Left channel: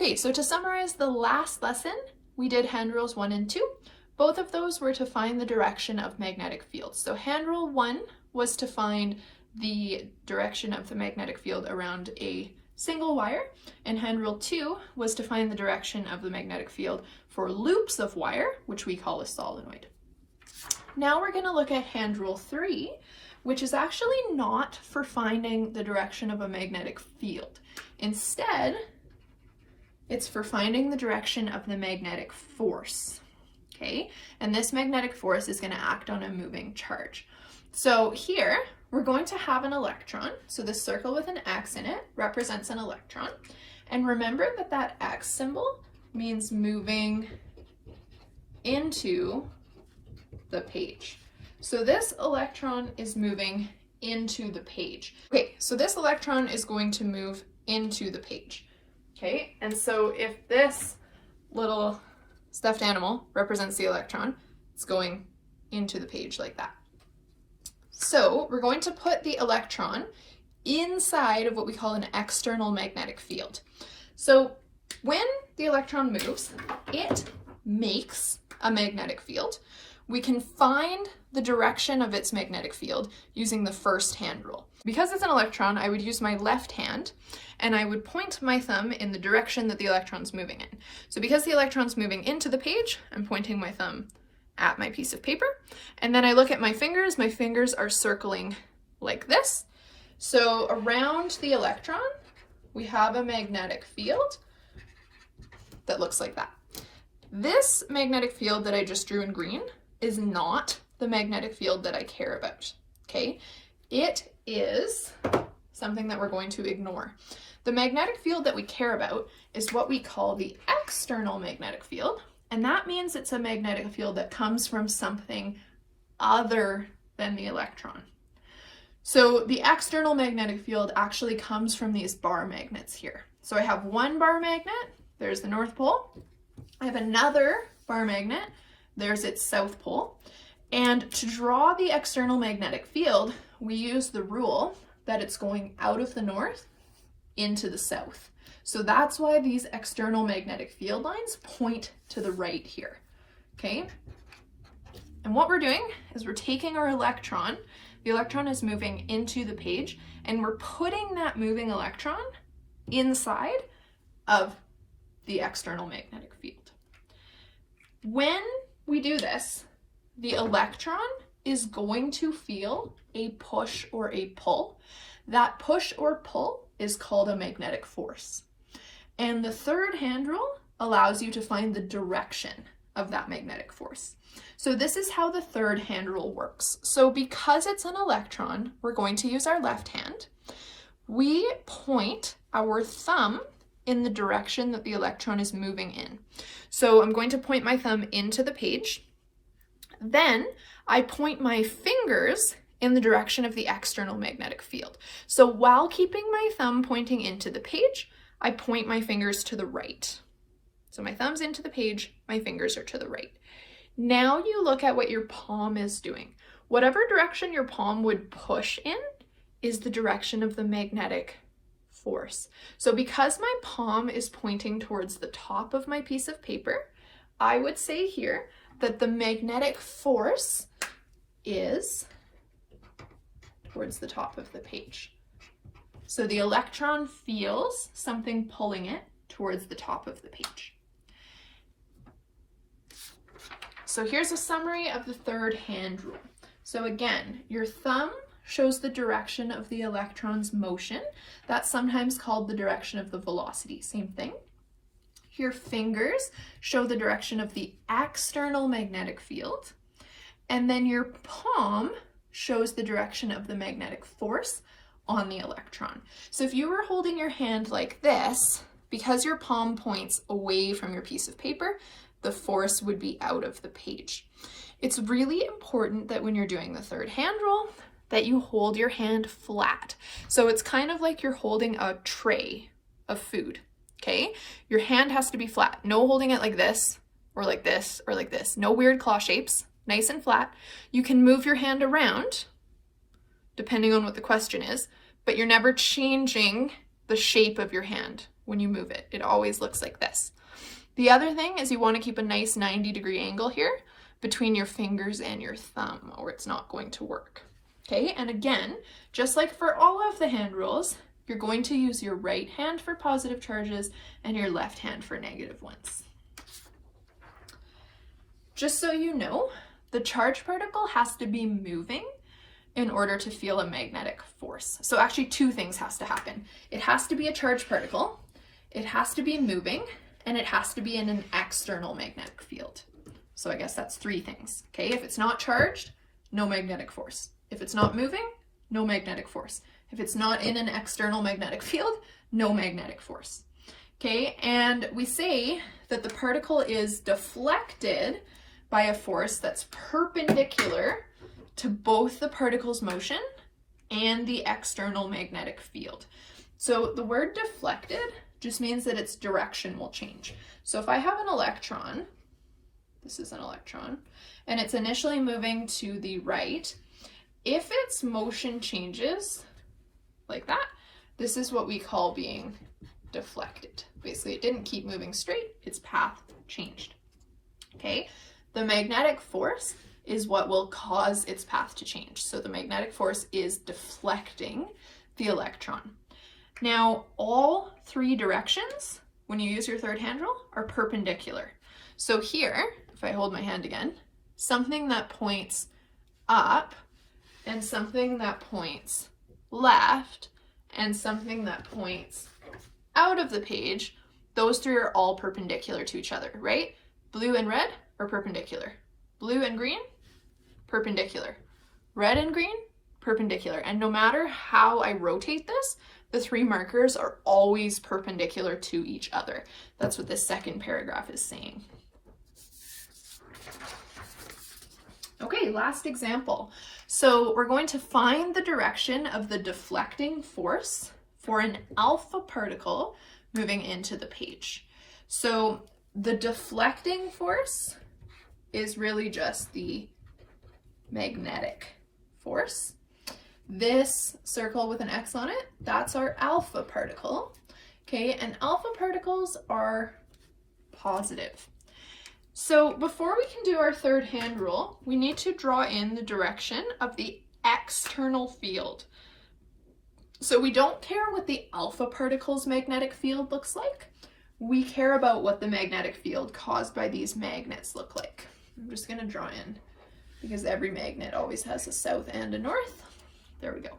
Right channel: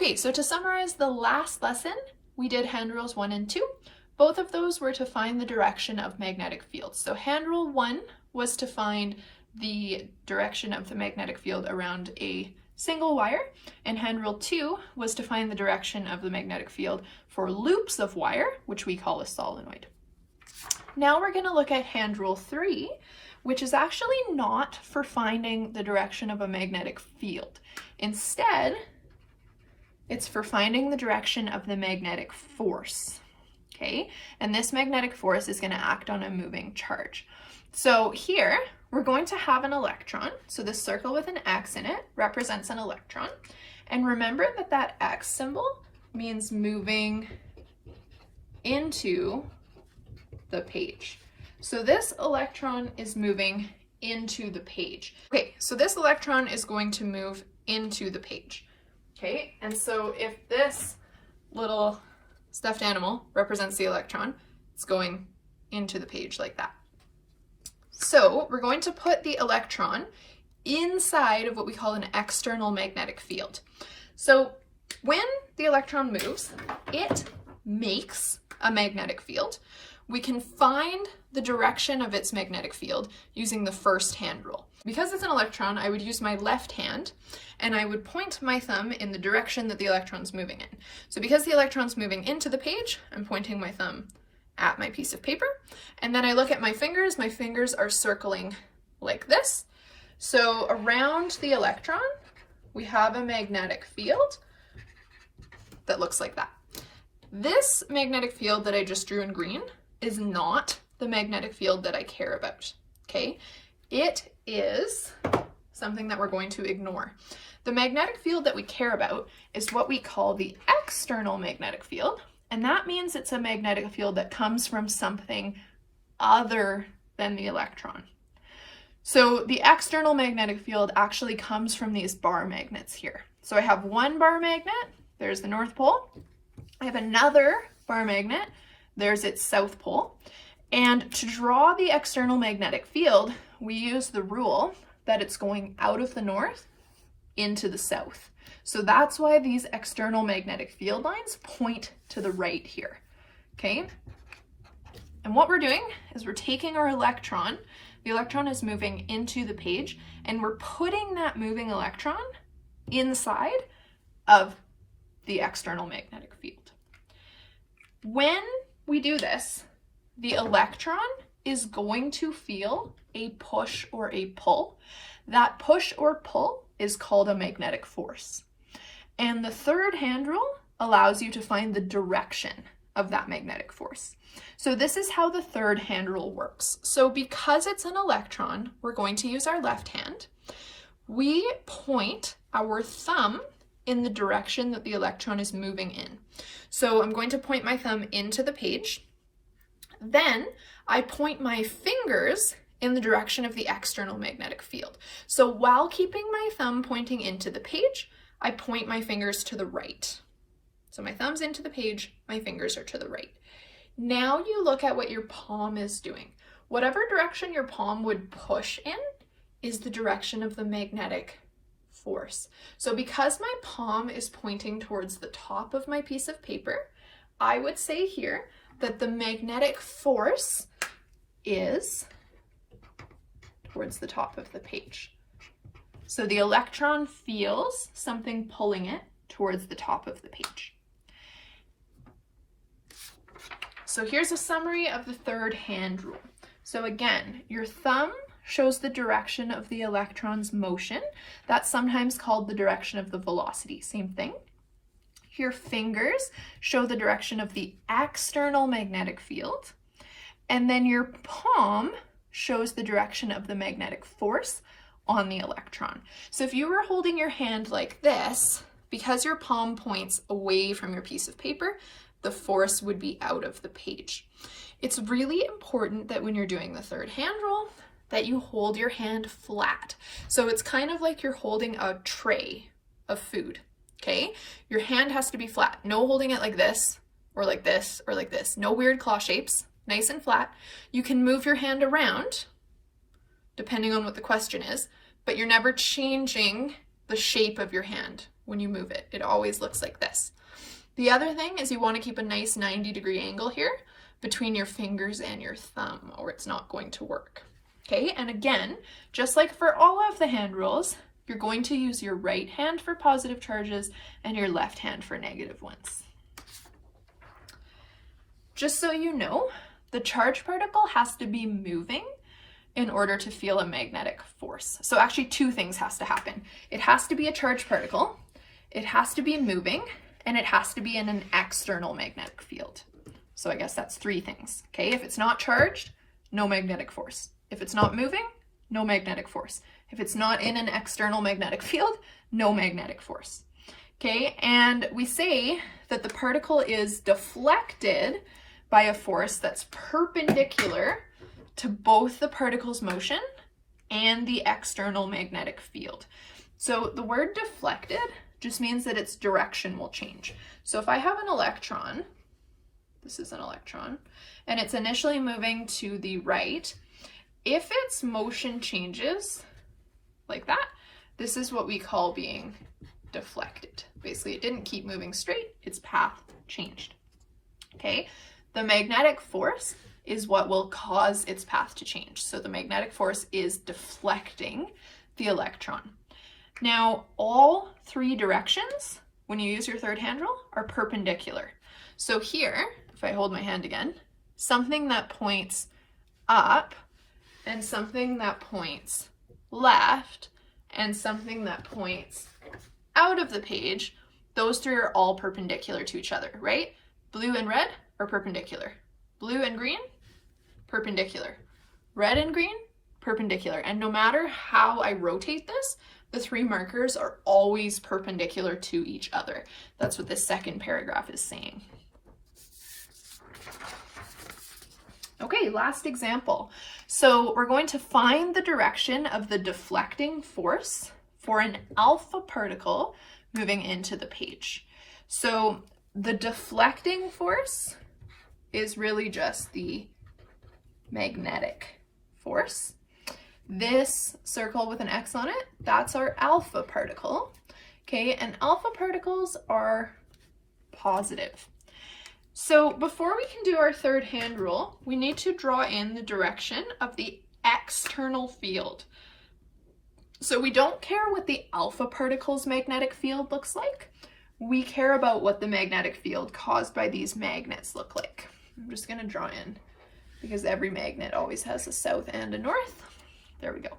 Okay, so to summarize the last lesson, we did hand rules 1 and 2. Both of those were to find the direction of magnetic fields. So hand rule 1 was to find the direction of the magnetic field around a single wire, and hand rule 2 was to find the direction of the magnetic field for loops of wire, which we call a solenoid. Now we're going to look at hand rule 3, which is actually not for finding the direction of a magnetic field. Instead, it's for finding the direction of the magnetic force, okay? And this magnetic force is going to act on a moving charge. So here, we're going to have an electron. So this circle with an X in it represents an electron. And remember that that X symbol means moving into the page. So this electron is moving into the page. Okay, so this electron is going to move into the page. Okay, and so if this little stuffed animal represents the electron, it's going into the page like that. So we're going to put the electron inside of what we call an external magnetic field. So when the electron moves, it makes a magnetic field. We can find the direction of its magnetic field using the first hand rule. Because it's an electron, I would use my left hand and I would point my thumb in the direction that the electron's moving in. So because the electron's moving into the page, I'm pointing my thumb at my piece of paper. And then I look at my fingers are circling like this. So around the electron, we have a magnetic field that looks like that. This magnetic field that I just drew in green is not the magnetic field that I care about, okay? It is something that we're going to ignore. The magnetic field that we care about is what we call the external magnetic field, and that means it's a magnetic field that comes from something other than the electron. So the external magnetic field actually comes from these bar magnets here. So I have one bar magnet, there's the North Pole. I have another bar magnet, there's its South Pole. And to draw the external magnetic field, we use the rule that it's going out of the north into the south. So that's why these external magnetic field lines point to the right here, okay? And what we're doing is we're taking our electron, the electron is moving into the page, and we're putting that moving electron inside of the external magnetic field. When we do this, the electron is going to feel a push or a pull. That push or pull is called a magnetic force. And the third hand rule allows you to find the direction of that magnetic force. So this is how the third hand rule works. So because it's an electron, we're going to use our left hand. We point our thumb in the direction that the electron is moving in. So I'm going to point my thumb into the page. Then I point my fingers in the direction of the external magnetic field. So while keeping my thumb pointing into the page, I point my fingers to the right. So my thumb's into the page, my fingers are to the right. Now you look at what your palm is doing. Whatever direction your palm would push in is the direction of the magnetic force. So because my palm is pointing towards the top of my piece of paper, I would say here that the magnetic force is towards the top of the page. So the electron feels something pulling it towards the top of the page. So here's a summary of the third hand rule. So again, your thumb shows the direction of the electron's motion. That's sometimes called the direction of the velocity, same thing. Your fingers show the direction of the external magnetic field. And then your palm shows the direction of the magnetic force on the electron. So if you were holding your hand like this, because your palm points away from your piece of paper, the force would be out of the page. It's really important that when you're doing the third hand rule, that you hold your hand flat. So it's kind of like you're holding a tray of food, okay? Your hand has to be flat. No holding it like this, or like this, or like this. No weird claw shapes, nice and flat. You can move your hand around, depending on what the question is, but you're never changing the shape of your hand when you move it. It always looks like this. The other thing is you want to keep a nice 90-degree angle here between your fingers and your thumb, or it's not going to work. Okay, and again, just like for all of the hand rules, you're going to use your right hand for positive charges and your left hand for negative ones. Just so you know, the charged particle has to be moving in order to feel a magnetic force. So actually two things has to happen. It has to be a charged particle, it has to be moving, and it has to be in an external magnetic field. So I guess that's three things. Okay, if it's not charged, no magnetic force. If it's not moving, no magnetic force. If it's not in an external magnetic field, no magnetic force. Okay, and we say that the particle is deflected by a force that's perpendicular to both the particle's motion and the external magnetic field. So the word deflected just means that its direction will change. So if I have an electron, this is an electron, and it's initially moving to the right, if its motion changes like that, this is what we call being deflected. Basically, it didn't keep moving straight, its path changed. Okay, the magnetic force is what will cause its path to change. So the magnetic force is deflecting the electron. Now, all three directions, when you use your third hand rule, are perpendicular. So here, if I hold my hand again, something that points up and something that points left and something that points out of the page, those three are all perpendicular to each other, right? Blue and red are perpendicular. Blue and green, perpendicular. Red and green, perpendicular. And no matter how I rotate this, the three markers are always perpendicular to each other. That's what this second paragraph is saying. Okay, last example. So we're going to find the direction of the deflecting force for an alpha particle moving into the page. So the deflecting force is really just the magnetic force. This circle with an X on it, that's our alpha particle. Okay, and alpha particles are positive. So before we can do our third hand rule, we need to draw in the direction of the external field. So we don't care what the alpha particle's magnetic field looks like. We care about what the magnetic field caused by these magnets look like. I'm just going to draw in because every magnet always has a south and a north. There we go.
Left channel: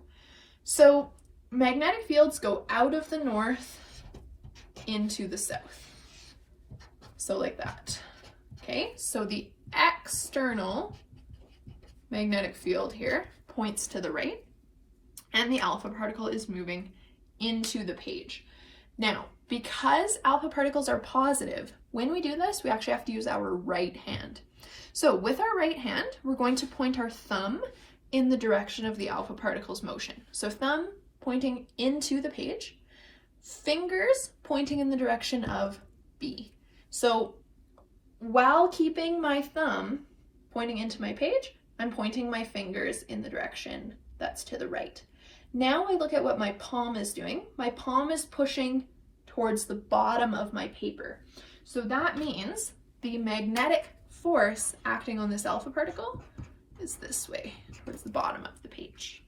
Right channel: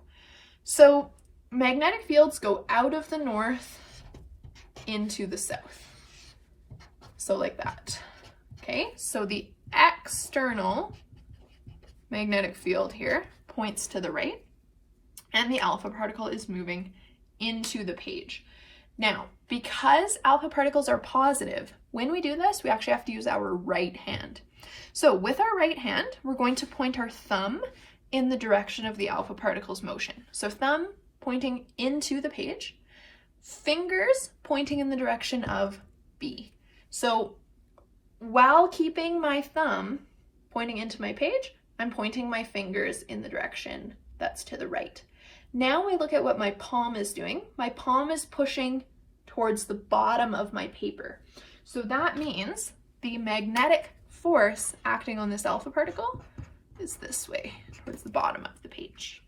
So magnetic fields go out of the north into the south. So like that. Okay, so the external magnetic field here points to the right, and the alpha particle is moving into the page. Now, because alpha particles are positive, when we do this, we actually have to use our right hand. So with our right hand, we're going to point our thumb in the direction of the alpha particle's motion. So thumb pointing into the page, fingers pointing in the direction of B. So while keeping my thumb pointing into my page, I'm pointing my fingers in the direction that's to the right. Now I look at what my palm is doing. My palm is pushing towards the bottom of my paper. So that means the magnetic force acting on this alpha particle is this way, towards the bottom of the page.